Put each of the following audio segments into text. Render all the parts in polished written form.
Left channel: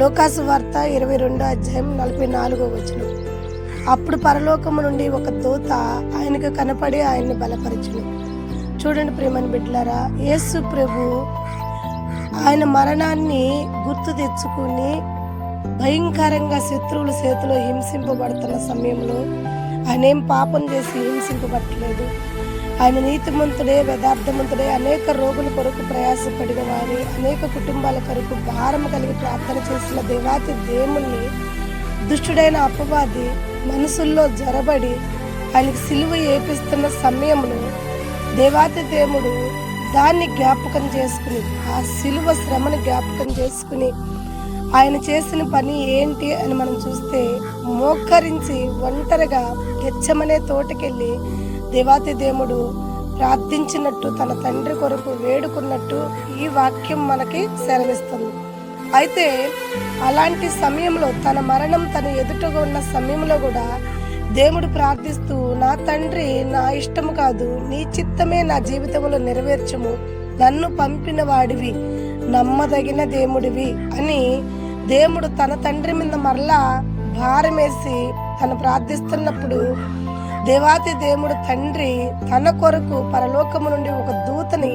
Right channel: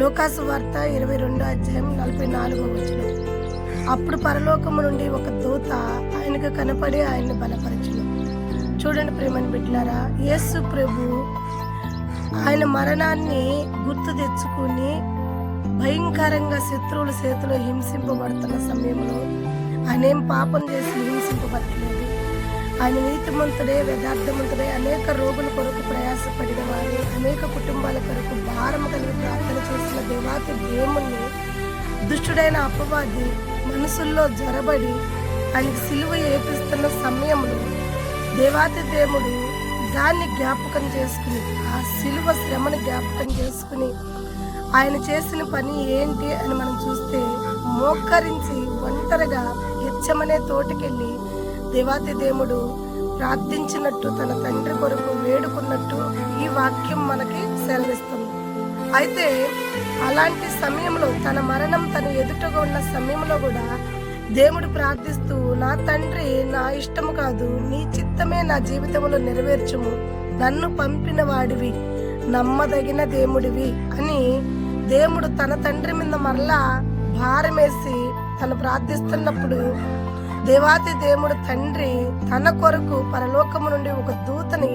లోకాసు వార్త 22:44. అప్పుడు పరలోకము నుండి ఒక దూత ఆయనకు కనపడి ఆయన్ని బలపరచును. చూడండి ప్రియమైన బిడ్డలారా, యేసు ప్రభు ఆయన మరణాన్ని గుర్తు తెచ్చుకుని భయంకరంగా శత్రువుల చేతిలో హింసింపబడుతున్న సమయంలో ఆయన ఏం పాపం చేసి హింసింపబట్టలేదు. ఆయన నీతిమంతుడే, యథార్థమంతుడే, అనేక రోగుల కొరకు ప్రయాసపడిన వారి, అనేక కుటుంబాల కొరకు భారం కలిగి ప్రార్థన చేసిన దేవాతి దేవుణ్ణి దుష్టుడైన అపవాది మనసుల్లో జొరబడి ఆయనకి సిలువ ఏపిస్తున్న సమయంలో దేవాతి దేవుడు దాన్ని జ్ఞాపకం చేసుకుని, ఆ సిలువ శ్రమని జ్ఞాపకం చేసుకుని ఆయన చేసిన పని ఏంటి అని మనం చూస్తే, మోకరించి ఒంటరిగా గెచ్చమనే తోటకెళ్ళి దేవాతి దేవుడు ప్రార్థించినట్టు, తన తండ్రి కొరకు వేడుకున్నట్టు ఈ వాక్యం మనకి సెలవిస్తుంది. అయితే అలాంటి సమయంలో తన మరణం తన ఎదుటగా ఉన్న సమయంలో కూడా దేవుడు ప్రార్థిస్తూ, నా తండ్రి, నా ఇష్టము కాదు నీ చిత్తమే నా జీవితంలో నెరవేర్చుము, నన్ను పంపిన వాడివి, నమ్మదగిన దేవుడివి అని దేవుడు తన తండ్రి మీద మరలా భారమేసి తను ప్రార్థిస్తున్నప్పుడు దేవాతి దేవుడు తండ్రి తన కొరకు పరలోకము నుండి ఒక దూతని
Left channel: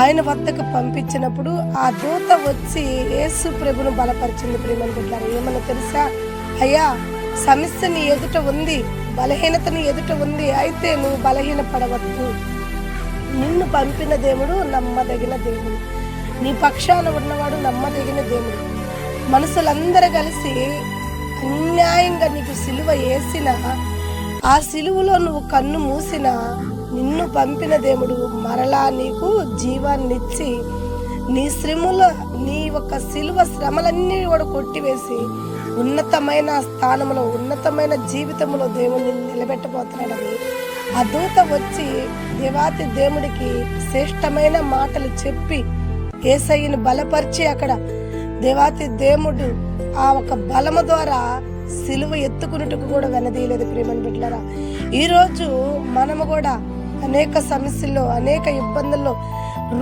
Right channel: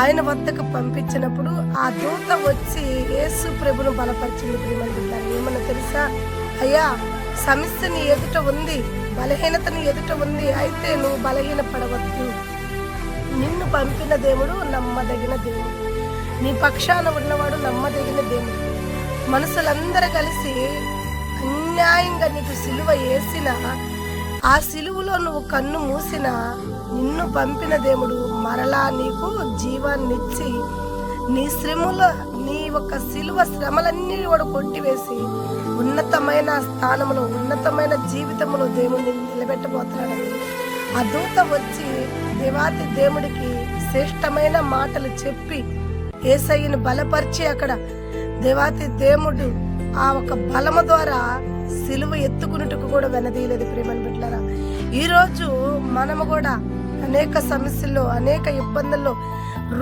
ఆయన వద్దకు పంపించినప్పుడు ఆ దూత వచ్చి యేసు ప్రభును బలపరిచింది. ప్రియమైన బిడ్డలారా, ఏమన్నా తెలుసా? అయ్యా, సమస్య నీ ఎదుట ఉంది, బలహీనత నీ ఎదుట ఉంది, అయితే నువ్వు బలహీన పడవద్దు. నిన్ను పంపిన దేవుడు నమ్మదగిన దేవుడు, నీ పక్షాన ఉన్నవాడు నమ్మదగిన దేవుడు. మనుషులందరూ కలిసి అన్యాయంగా నీకు సిలువ వేసిన, ఆ సిలువలో నువ్వు కన్ను మూసిన నిన్ను పంపిన దేవుడు మరలా నీకు జీవాన్నిచ్చి నీ శ్రమలో, నీ యొక్క సిలువ శ్రమలన్నీ కూడా కొట్టివేసి ఉన్నతమైన స్థానంలో, ఉన్నతమైన జీవితంలో దేవుడిని నిలబెట్టబోతున్నాడని ఆ దూత వచ్చి దేవాతి దేవుడికి శ్రేష్టమైన మాటలు చెప్పి యేసయ్యను బలపరిచి, అక్కడ దేవాతి దేవుడు ఆ ఒక బలము ద్వారా సిలువ ఎత్తుకున్నట్టుకు కూడా వెనదీయలేదు. ప్రియమైన బిడ్డలారా, ఈరోజు మనము కూడా అనేక సమస్యల్లో, అనేక ఇబ్బందుల్లో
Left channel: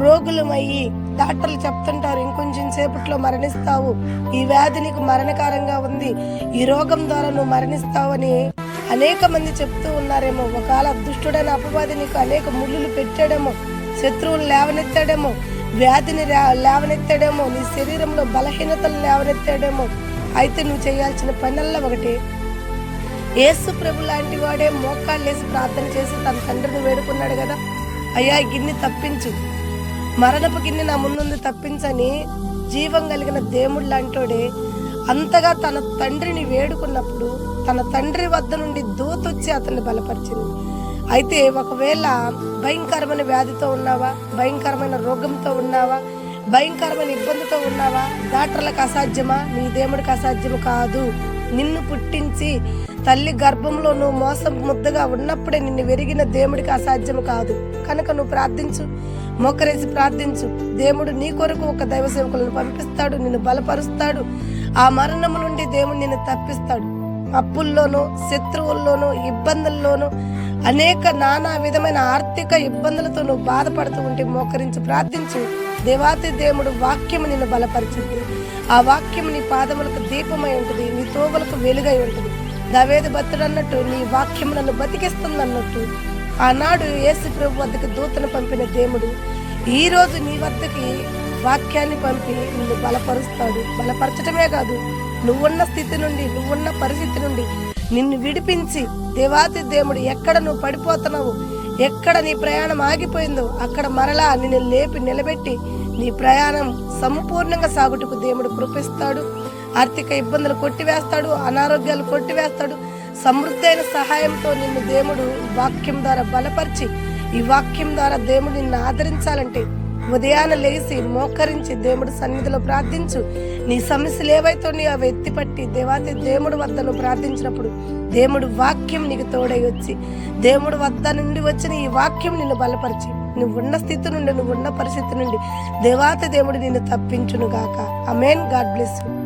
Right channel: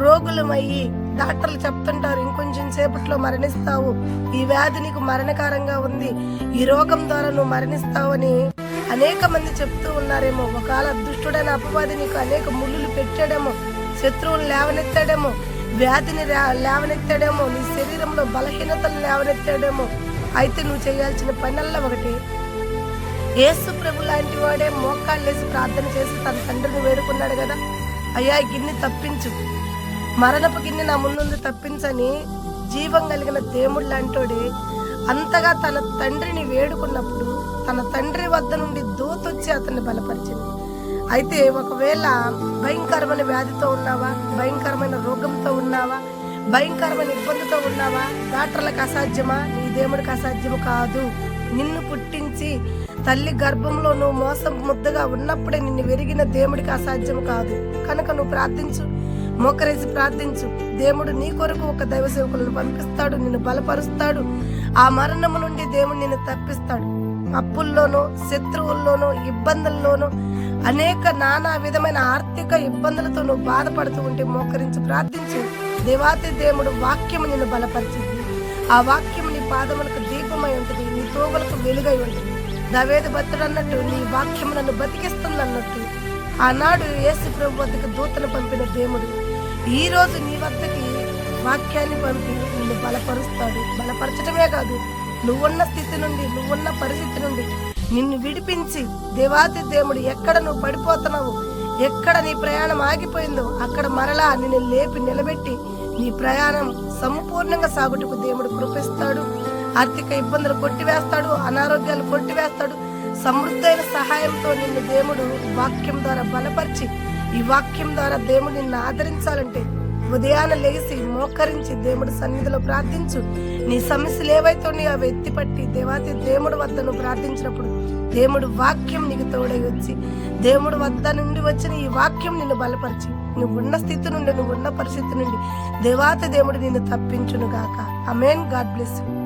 రోగులమయ్యి డాక్టర్లు చెప్తుంటారు, ఇంకొంచెం సేపట్లో మరణిస్తావు, ఈ వ్యాధి నీకు మరణకారంగా ఉంది, ఈ రోగం ద్వారా నువ్వు మరణిస్తావు అని అనేక మంది చెప్తూ ఉన్నారేమో. ఒకవేళ దుష్టుడైన అపవాది నీకు అనేక ముళ్ళులు పెట్టాడేమో, శత్రువులు లేవనెత్తాడేమో, వ్యాధిని లేవనెత్తాడేమో, నీ శరీరంలో బలహీనతలు లేవనెత్తాడేమో. అయితే నువ్వు చేయాల్సిన పనల్లా ఒకటి, యేసు ప్రభు లాంటి వాడే మోకాళ్ళేసి ప్రార్థన చేసి తన తండ్రిని వేడుకున్నాడు కదా, అయ్యా గిన్నె తప్పించు, మరణపు గిన్నె నా ముందు తప్పించని జీవం కలిగిన దేవుడు లాంటోడే అంతగా తన తండ్రిని వేడుకున్నప్పుడు తన తండ్రి వద్ద నుండి దూతొచ్చి అతన్ని బలపరిచింది. అయితే ఒకవేళ భయంకరమైన వ్యాధితో ఉన్నావా, భయంకరమైన రోగంతో ఉన్నావా, భయంకరమైన ఇబ్బందితో ఉన్నావా, డాక్టర్లకు అసాధ్యమా? నీ దేవుడికి అసాధ్యము కాదు. నిన్ను పుట్టించి తల్లి గర్భంలో నువ్వు మోసం ముద్దగా ఉన్నప్పుడే నిన్ను వెరిగిన దేవుడికి అసాధ్యము కాదు. కనుక నువ్వు ప్రార్థించు, మోకరేసి ప్రార్థించు. దేవుడు నీ కొరకు ఒక దైవ సేవకులను పంపిస్తాడు, నిన్ను బలపరుస్తాడు. ఆ మరణము నుండి దేవుడు నిన్ను తప్పిస్తాడు. అప్పుల్లోనూ, శత్రువుల్లోనూ, ఇబ్బందుల్లోనూ, అనేక నానా విధమైన ఆర్థిక ఇబ్బందులతో నువ్వు బాధపడుతూ ఉంటే మోకరించి ప్రార్థించు. దేవాతి దేవుడు వాక్యము నిన్ను బలపరిచింది. ఆ వాక్యము నీ పాదములకు దీపమై ఉంటుంది, నీ తోబలకు వెలుగై ఉంటుంది. దావీదు భక్తుడు అన్నట్టు, నీ వాక్యము నన్ను బతికిస్తుంది అన్నట్టు ఆనాడు యేసు ప్రభు వద్దకు దూతను పంపిన దేవుడు ఈ రోజు నీ వద్దకి వాక్యాన్ని పంపి నిన్ను బలపరుస్తాడు. బలపరచటమే కాదు, నువ్వున్న స్థితి నుండి, నువ్వున్న పరిస్థితి నుండి నిన్ను విడిపించి, దేవాతి దేవుడు ఎక్కడ నువ్వు పడిపోతున్నావు, ఎక్కడ నీ ప్రయాణం ఆగిపోయిందో అక్కడ మరలా నిన్ను లేపి నిలబెట్టి నీ ప్రయాణం సంపూర్ణంగా సాగుటకు దేవుడు కృపిస్తాడు. ఆర్థిక ఇబ్బందులు కొట్టివేస్తాడు, అనారోగ్యాలు కొట్టివేస్తాడు. సమృద్ధైన సహాయంతో నిన్ను దేవుడు వాక్యం ద్వారా బలపరిచి, ఈ వాక్యం ద్వారా దేవుడు నిన్ను ఆదరించాలంటే ఉదయాన లేచి మోకరించి దేవుడు సన్నిధిలో ప్రార్థించు. నీ సమస్యలు ఏవైతే ఉన్నాయో అవి ఎత్తిపట్టి దేవాతి దేవుడు వద్ద నువ్వు ప్రార్థించినప్పుడు దేవుడు వాక్యం నీకు తోడై వచ్చి, దేవుడు వద్ద నుండి వచ్చిన ఈ వాక్యం నిన్ను బలపరిచి, నువ్వున్న స్థితి నుండి, నువ్వున్న పరిస్థితి నుండి దేవాతి దేవుడు నిన్ను తప్పించును గాక. ఆమేన్. God bless you.